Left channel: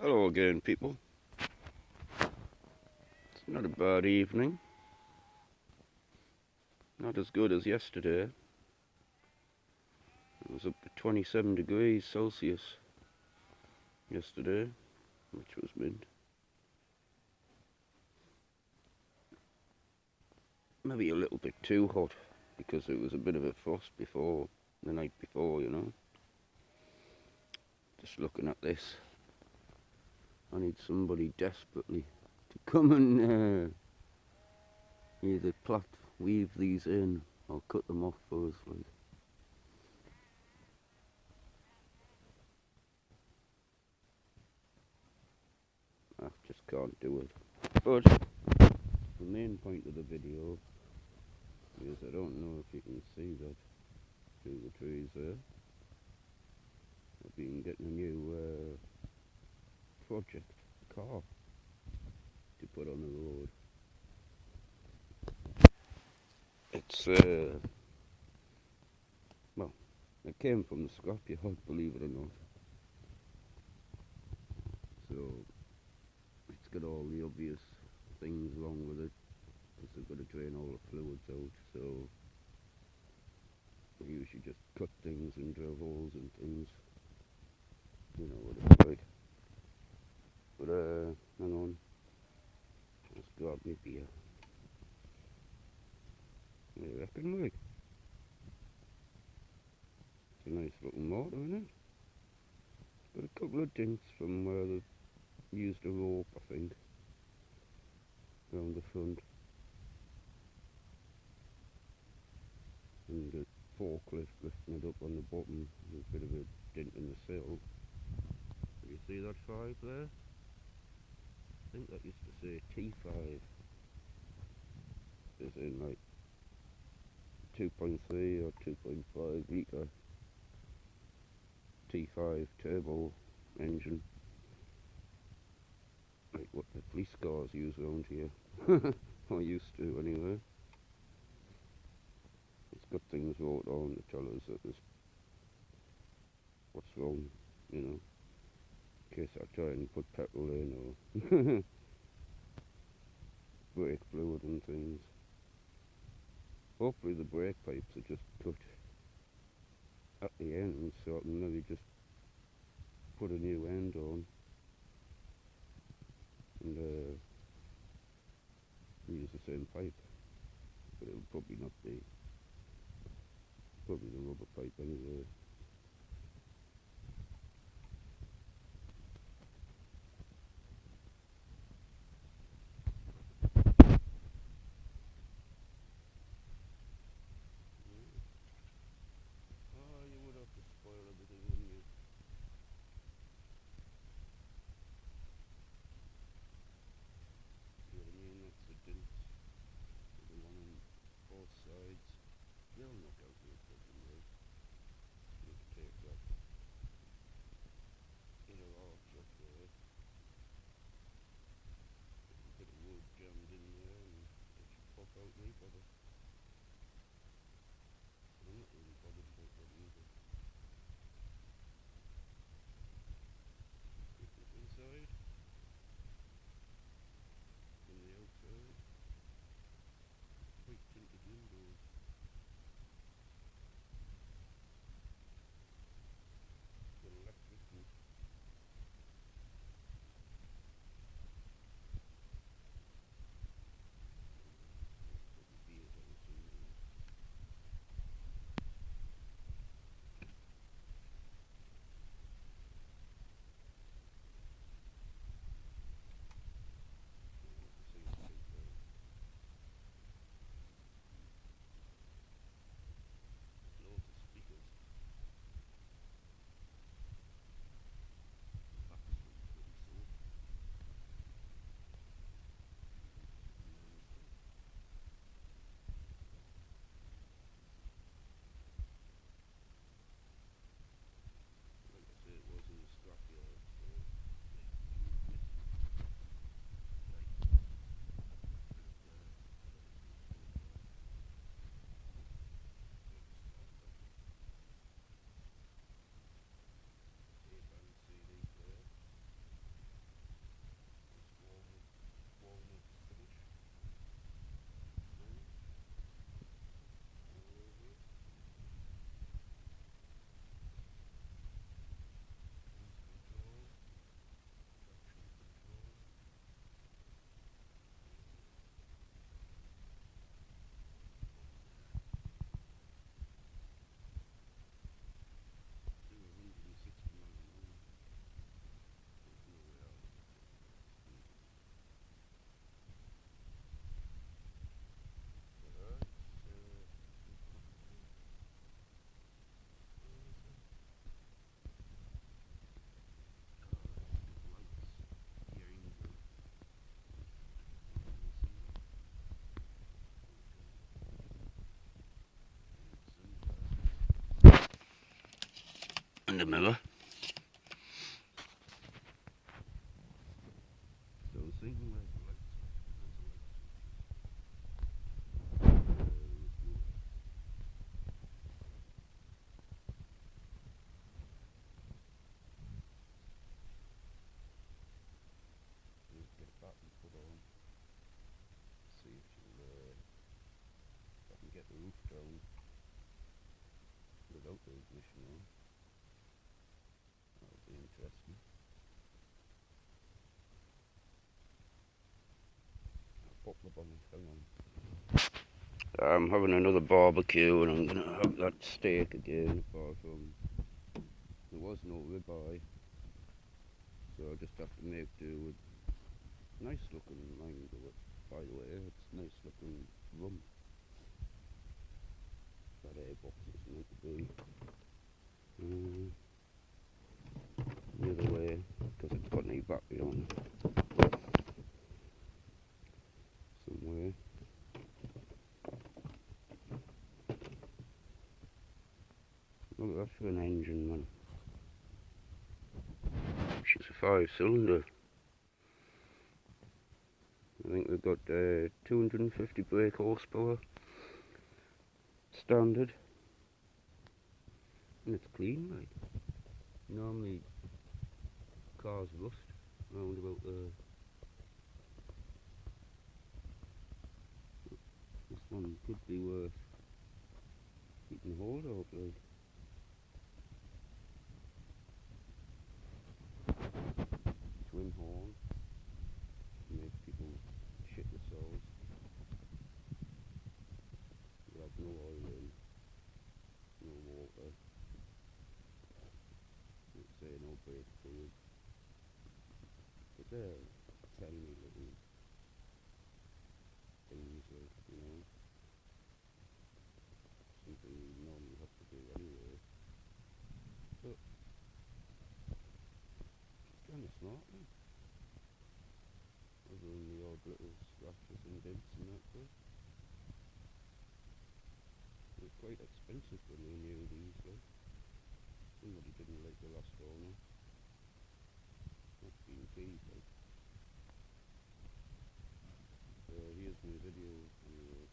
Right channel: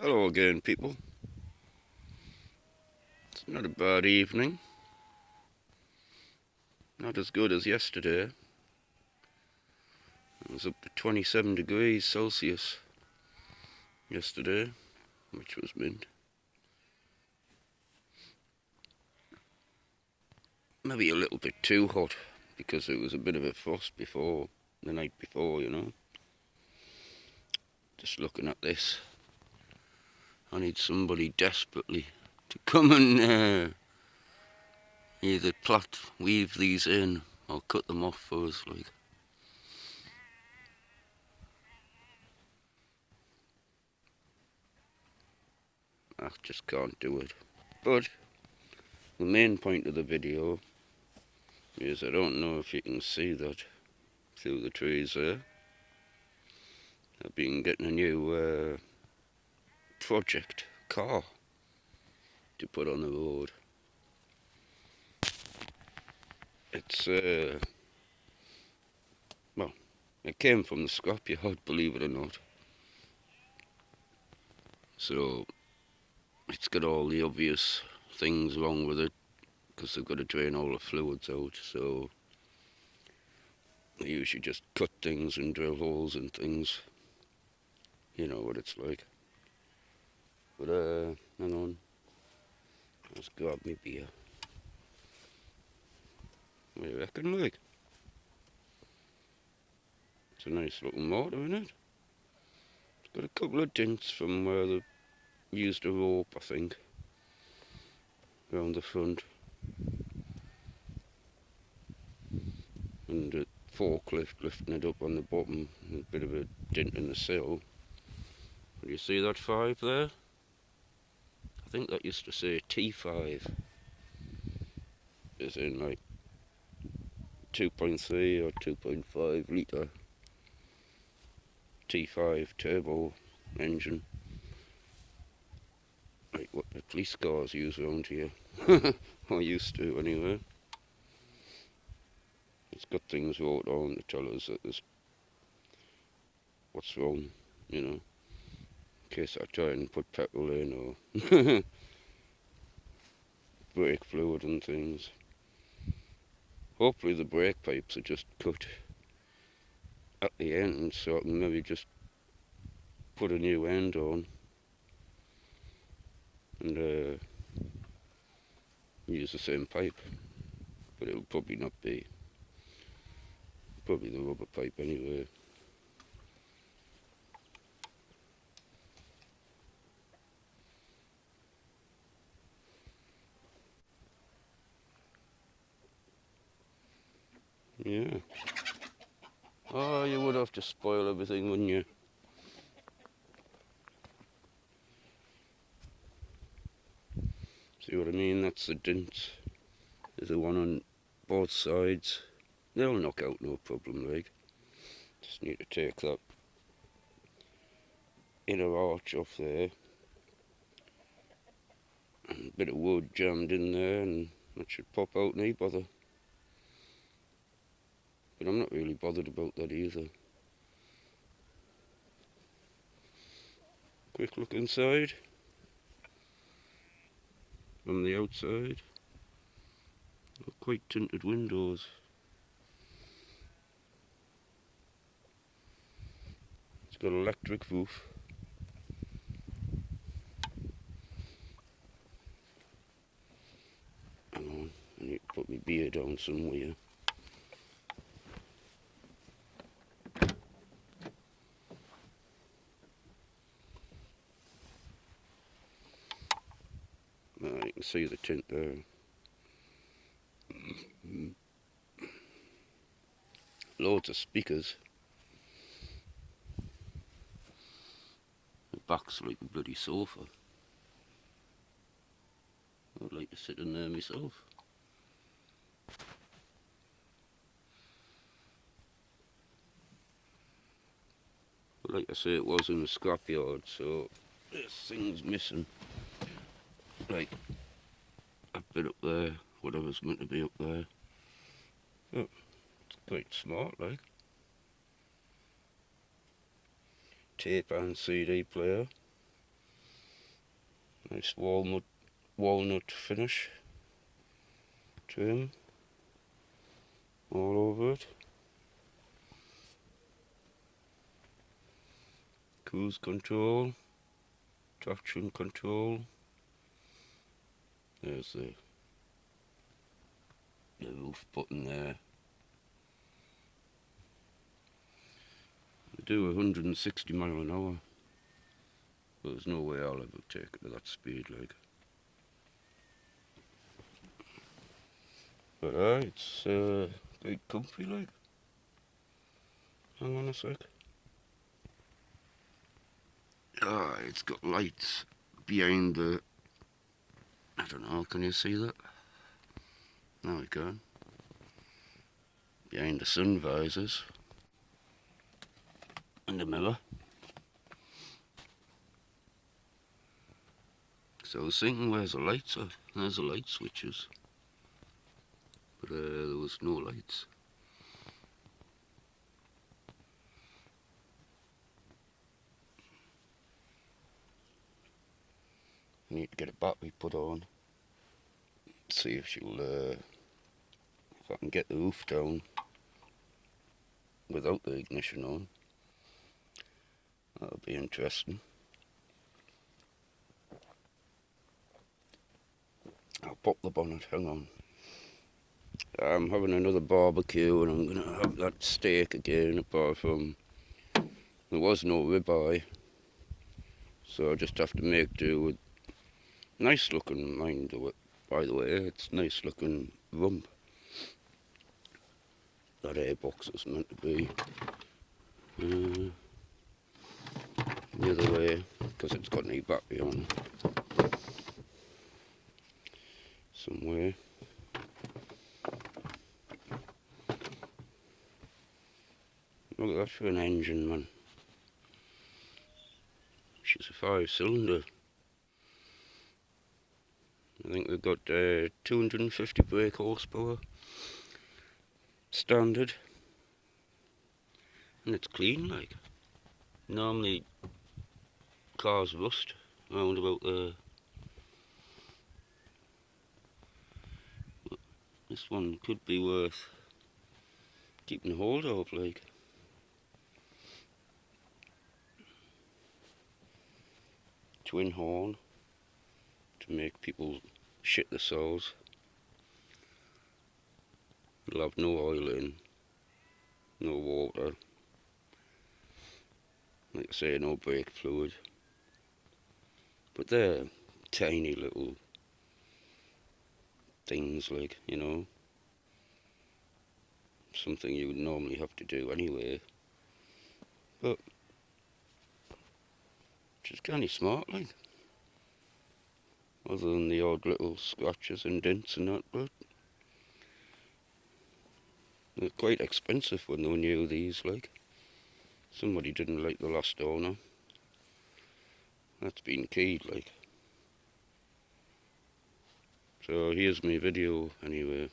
Hello again, people. It's not a bad evening. Not as good as yesterday. It was up to 27 degrees Celsius yesterday, which was mint. Maybe a little bit too hot because it was a bit of a frost before, the night before. Just looking at this, I need somebody desperately to come and either weave these in or cut them off for us. I just can't do it. But the main point of the video is I don't know if you can see that through the trees there. I've been getting a new project car to put on the road. It's well, it came from the scrapyard, believe it or not. So it's got all the obvious things wrong with it because they've got to drain all the fluids out. So they usually just cut things and drill holes and things. You know what it's like. But hang on, let's grab me beer. What do you reckon, like? It's a nice little motor, isn't it? It's got a couple of dents from where they used a rope, I think, around the front. And a forklift lifting it up on the bottom. A bit of a dent in the sill. Do you see that 5 there? I think that used to say T5. As in like 2.3 or 2.5 litre T5 turbo engine. Like what the police cars use around here. Or used to anyway. It's got things wrote on to tell us that there's what's wrong, in case I try and put petrol in or brake fluid and things. Hopefully the brake pipes are just cut at the end so I can maybe just put a new end on and use the same pipe, but it'll probably not be, probably the rubber pipe anyway. Yeah. Oh, you would have to spoil everything, wouldn't you? See what I mean? That's the dents. There's the one on both sides. They'll knock out no problem, like. Just need to take that inner arch off there. And a bit of wood jammed in there and that should pop out no bother. But I'm not really bothered about that either. Quick look inside. From the outside. Quite tinted windows. It's got an electric roof. Hang on, I need to put my beer down somewhere. You can see the tint there. Loads of speakers. The back's like a bloody sofa. I'd like to sit in there myself. But like I say, it was in the scrapyard, so there's things missing. Like a bit up there, whatever's meant to be up there. Oh, it's quite smart, like. Tape and CD player. Nice walnut finish trim all over it. Cruise control, traction control. There's the roof button there. I do 160 mile an hour. But there's no way I'll ever take it to that speed, like. But it's quite comfy, like. Hang on a sec. It's got lights behind the. I don't know. Can you see that? No, we can. Behind the sun visors and the mirror. So I was thinking, where's the lights at? There's the light switches. But there was no lights. I need to get a battery put on. See if I can get the roof down without the ignition on. That'll be interesting. I'll pop the bonnet, hang on. I'm having another barbecue and I'm going to have that steak again, apart from there was no ribeye. So I just have to make do with nice looking, by the way, it's nice looking rump. That airbox is meant to be the other way, because it's got an battery on somewhere. Look at that for an engine, man. She's a 5-cylinder. I think we've got 250 brake horsepower standard, and it's clean, like. Normally cars rust around about there. This one could be worth keeping hold of, like. Twin horn to make people shit themselves. It'll have no oil in, no water, like I say, no brake fluid. But they're tiny little things, like, you know, something you would normally have to do anyway. But just kind of smart, like. Other than the odd little scratches and dents and that, but they're quite expensive when they were new, these, like. Somebody didn't like the last owner. That's been keyed, like. So here's my video, anyway.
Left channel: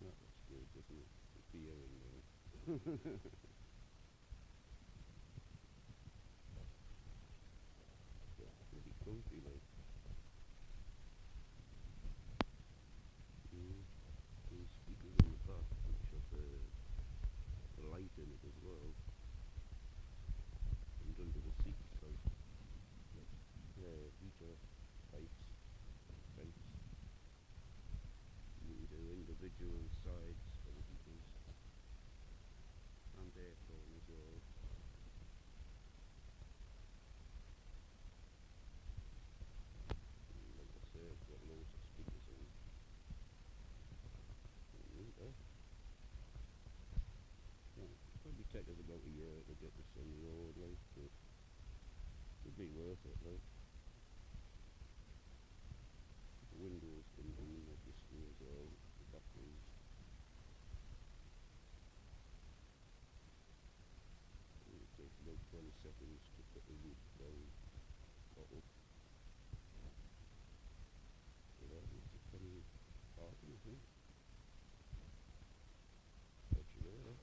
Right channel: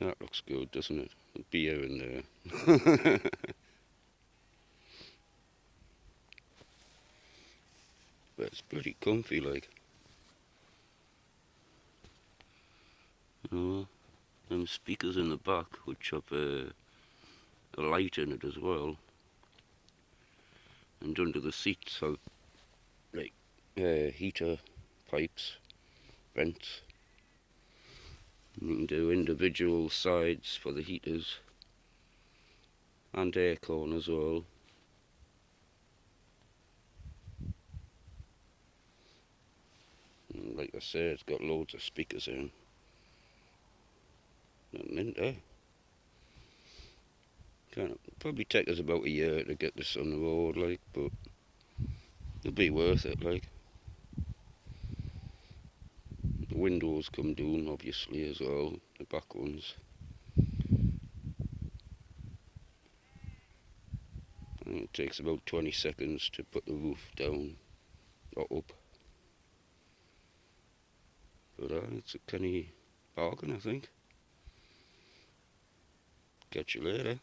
That looks good, doesn't it? A beer in there. But it's pretty comfy, like. Them speakers in the back, which have a light in it as well. And under the seats have, like, heater pipes, vents. You can do individual sides for the heaters and aircon as well. And like I say, it's got loads of speakers in. Nothing in there. Probably take us about a year to get this on the road, like, but it'll be worth it, like. The windows come down, obviously, as well, the back ones. And it takes about 20 seconds to put the roof down or up. But it's a canny bargain, I think. Catch you later.